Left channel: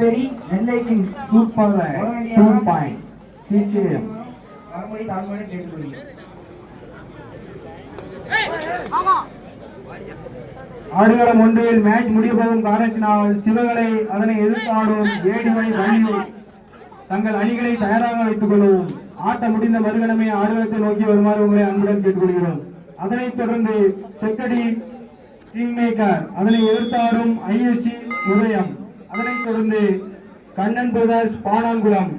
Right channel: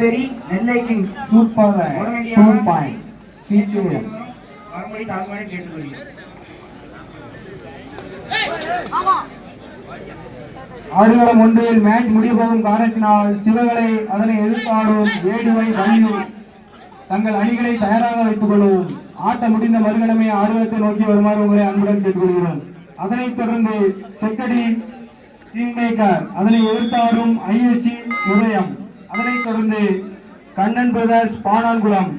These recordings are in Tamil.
கண்டிப்பெரி நெல்லை கிங்ஸ் சூப்பர் 2 பாயிண்ட் சிகேஎம் மறுபடி தாழ்மையை கேட்டுக்கொள்கிறேன். ஆடுகளம் ஒன்றில் மேட்ச் முடியப்போகும் காரணத்தினால் சிவகலை அதனை எதிர்ப்பாடும் ஏடிவை வள்ளியூர் தங்கள் அணிகளை தயாராக வைத்துக் கொள்ளவும். ஆட்டம் முடிந்த மறுகணமே ஆடுகளத்தை நோக்கி வருமாறு உங்களை அன்புடன் கேட்டுக்கொள்கிறோம். அதனைத் தொடர்ந்து செக்கடி கிங் மேக்கர் அதனை எதிர்த்தாடும் ஐஎஸ்சி உதயம், அதனைத் தொடர்ந்து கண்ணன் பிரதர்ஸ் பானான்குளம்,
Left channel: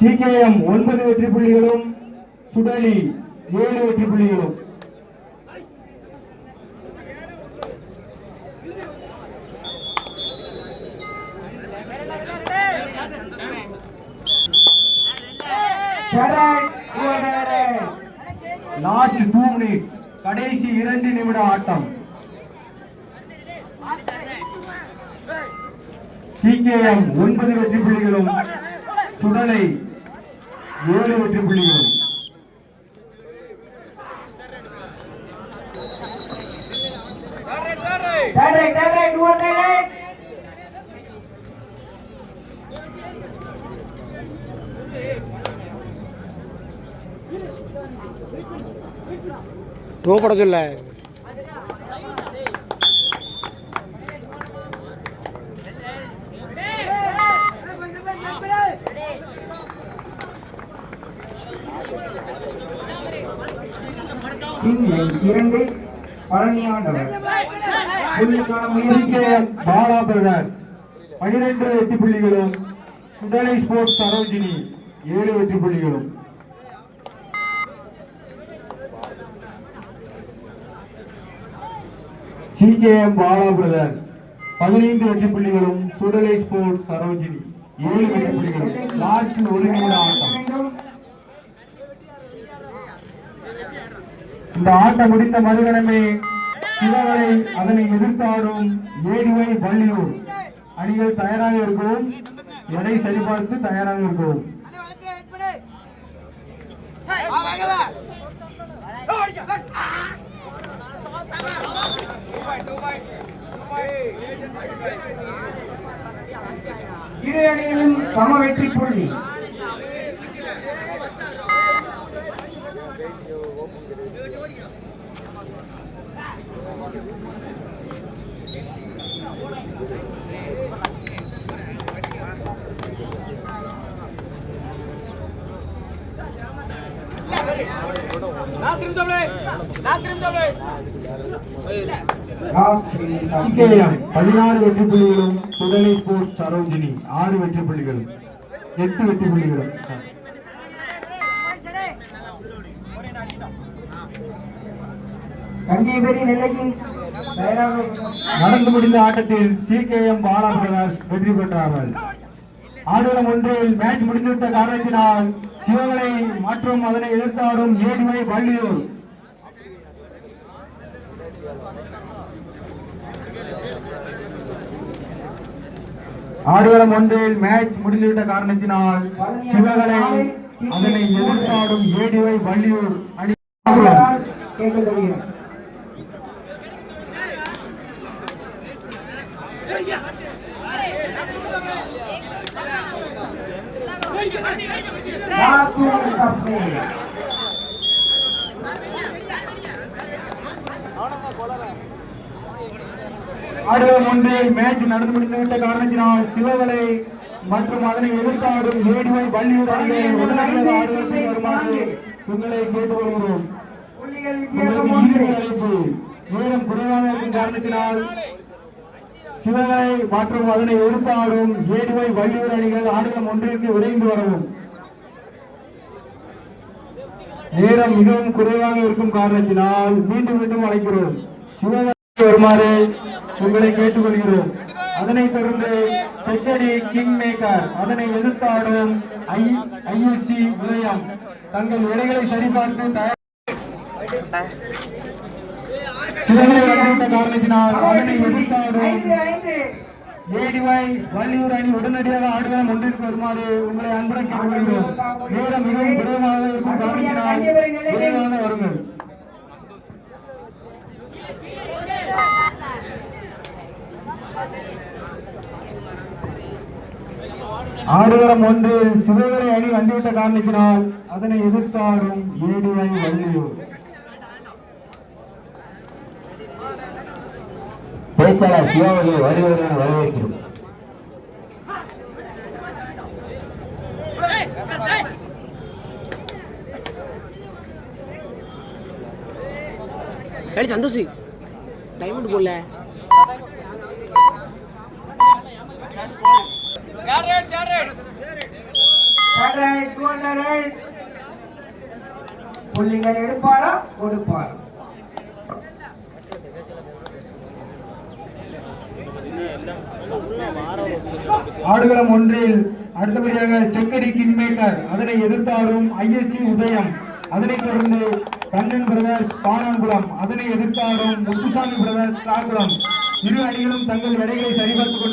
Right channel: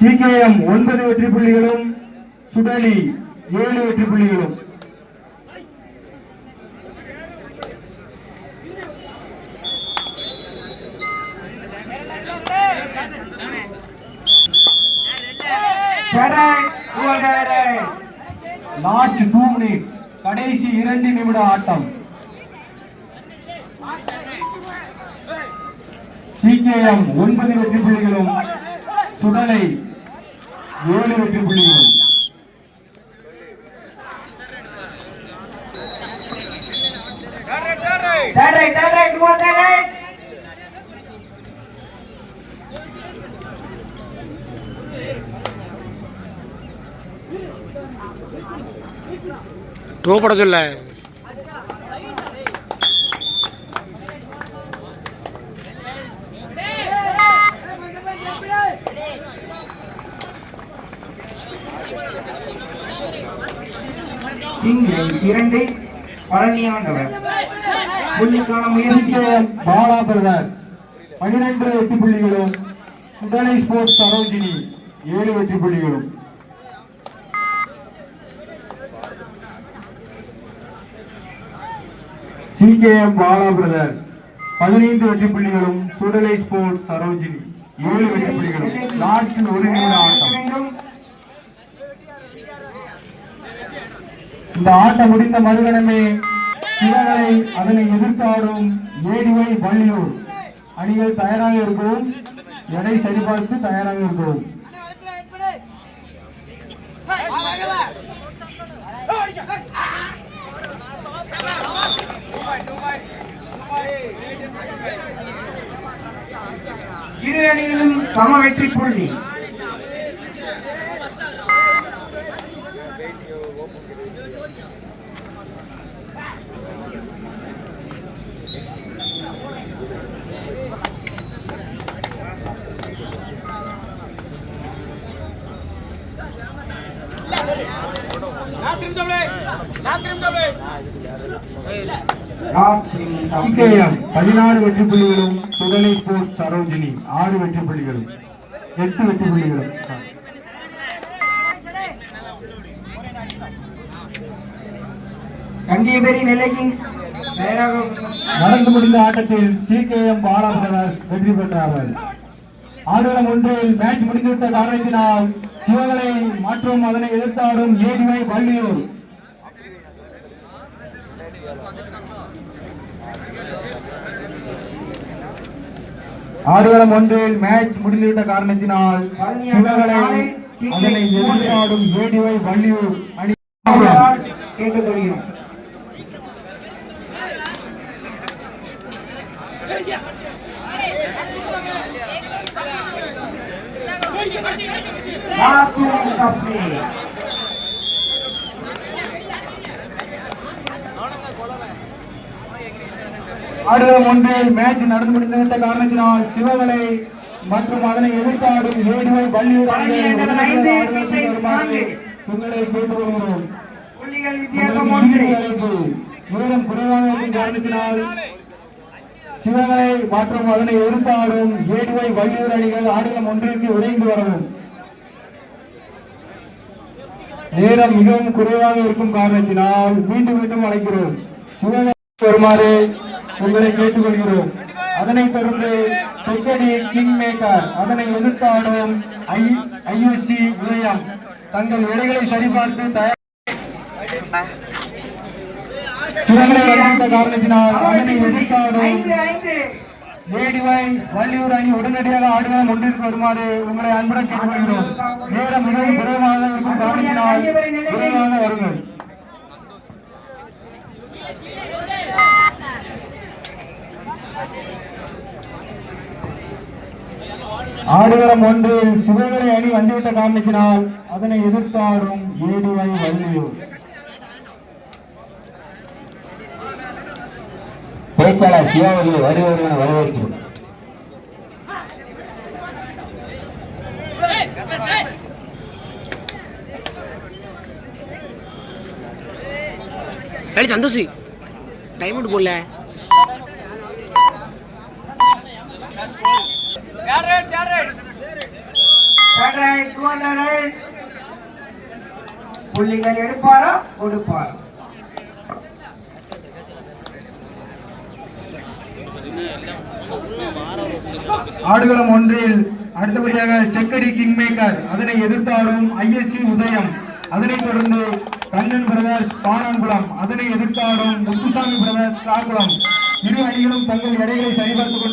சிகேஎம் 9 வெற்றி புள்ளிகளும் சுடலி 7 வெற்றி புள்ளிகளும். லாஸ்ட் 2 மினிட்ஸ், கடைசி 2 நிமிட ஆட்டம். சிகேஎம் 9 வெற்றி புள்ளிகளும் சுடலை 7 வெற்றி புள்ளிகளும். டோ பட சொல்ல இரண்டு பழனியாண்டவர் பாலா பிரதர் 12 வெற்றி புள்ளிகளும் சுடலை ஸ்போர்ட்ஸ் சரோஜினி 7 வெற்றி புள்ளிகளும். சிகேஎம் பாலா பிரதர் 15 வெற்றி புள்ளிகளும் சுடலை ஸ்போர்ட்ஸ் சரோஜினி 7 வெற்றி புள்ளிகளும். லாஸ்ட் 1 நிமிட ஆட்டம். இந்த ஆட்டம் முடிந்த மறுகணமே சிவகலை அதனை எதிர்த்தாடும் ஏடிவை வள்ளியூர் அணிகள் தயாராக இருக்கவும், எடை சரிபார்த்து தயாராக இருக்கவும். இரு அணிகளும் சம வெற்றி புள்ளி. சிகேஎம் 16 வெற்றி புள்ளிகளும் சுடலை ஸ்போர்ட்ஸ் சரோஜினி 6 வெற்றி புள்ளிகளும் 8 வெற்றி புள்ளிகளும். நடந்து முடிந்த ஆட்டத்தில் சிகேஎம் பாலா பிரதர்ஸ் வெற்றி பெற்றார்கள். ஆடுகளம் ஒன்றில் மேட்ச் முடிந்துவிட்ட காரணத்தினால் சிவகலை மற்றும் அதனை எதிர்த்தாடும் ஏடிவை வள்ளியூர் ஆடுகளம் ஒன்றில் மேட்ச் முடிந்துவிட்ட காரணத்தினால் சிவகலை அதனை எதிர்த்தாடும் ஏடிவை வள்ளியூர் அணி கேட்டுக்கொள்கிறோம். ஆடுகளம் ஒன்றில் மேட்ச் நடந்து முடிந்துவிட்ட காரணத்தினால் சிவகலை மற்றும் அதனை எதிர்த்தாடும் ஏடிவை வள்ளியூர் உங்களை கேட்டுக்கொள்கிறோம். நேரம் குறைவாக இருக்கும் காரணத்தினால் சிவகலை மற்றும் அதனை எதிர்த்தாடும் ஏடிவை வள்ளியூர் அணிகள் ஆடுகளம் ஒன்றிற்கு விரைந்து வரவும். நேரம் மிகவும் குறைவாக இருக்கும் காரணத்தினால் மீண்டும் மீண்டும் அழைக்கிறோம். சிவகலை வருமாறு உங்களை கேட்டுக்கொள்கிறோம். அதனைத் தொடர்ந்து செக்கடி கிங் மேக்கர் அதனை எதிர்த்தாடும் ஐஎஸ்சி உதயம் தங்கள் எடைகளை சரிபார்த்து தயார் காரணத்தினால் அதனை எதிர்த்தாடும் ஏடிவை வள்ளியூர் அணி உடனடியாக ஆடுகளம் ஒன்றிற்கு வருமாறு உங்களை அன்புடன் கேட்டுக்கொள்கிறோம். நேரம் மிகவும் குறைவாக இருக்கும் காரணத்தினால் விரைவாக வருங்கள். ஆடுகளம் ஒன்றில் சிவகலை அணி வந்துவிட்ட காரணத்தினால் அதனை எதிர்த்தாடும் ஏடிஐ வள்ளியூர். பேச்சாளர் சிவாவர்கள் வருவது என வரவேற்கிறோம். சந்தோஷ் டைம் அவுட் போடல. புள்ளிகள் எடுப்பாரா கொடுப்பார். ஆடுகளம் ஒன்றில் அடுத்தபடியாக செக்கடி கிங் மேக்கர் அதனை எதிர்த்தாடும் ஐஎஸ்சி உதயம். அதனைத் தொடர்ந்து கண்ணன் பிரதர்ஸ் பானாங்குளம் அதனை எதிர்த்தாடும் முத்துசாமி பிரதர்ஸ் காகுளம். இரு அணிகளும் தங்கள் எடைகளை சரிபார்த்துக்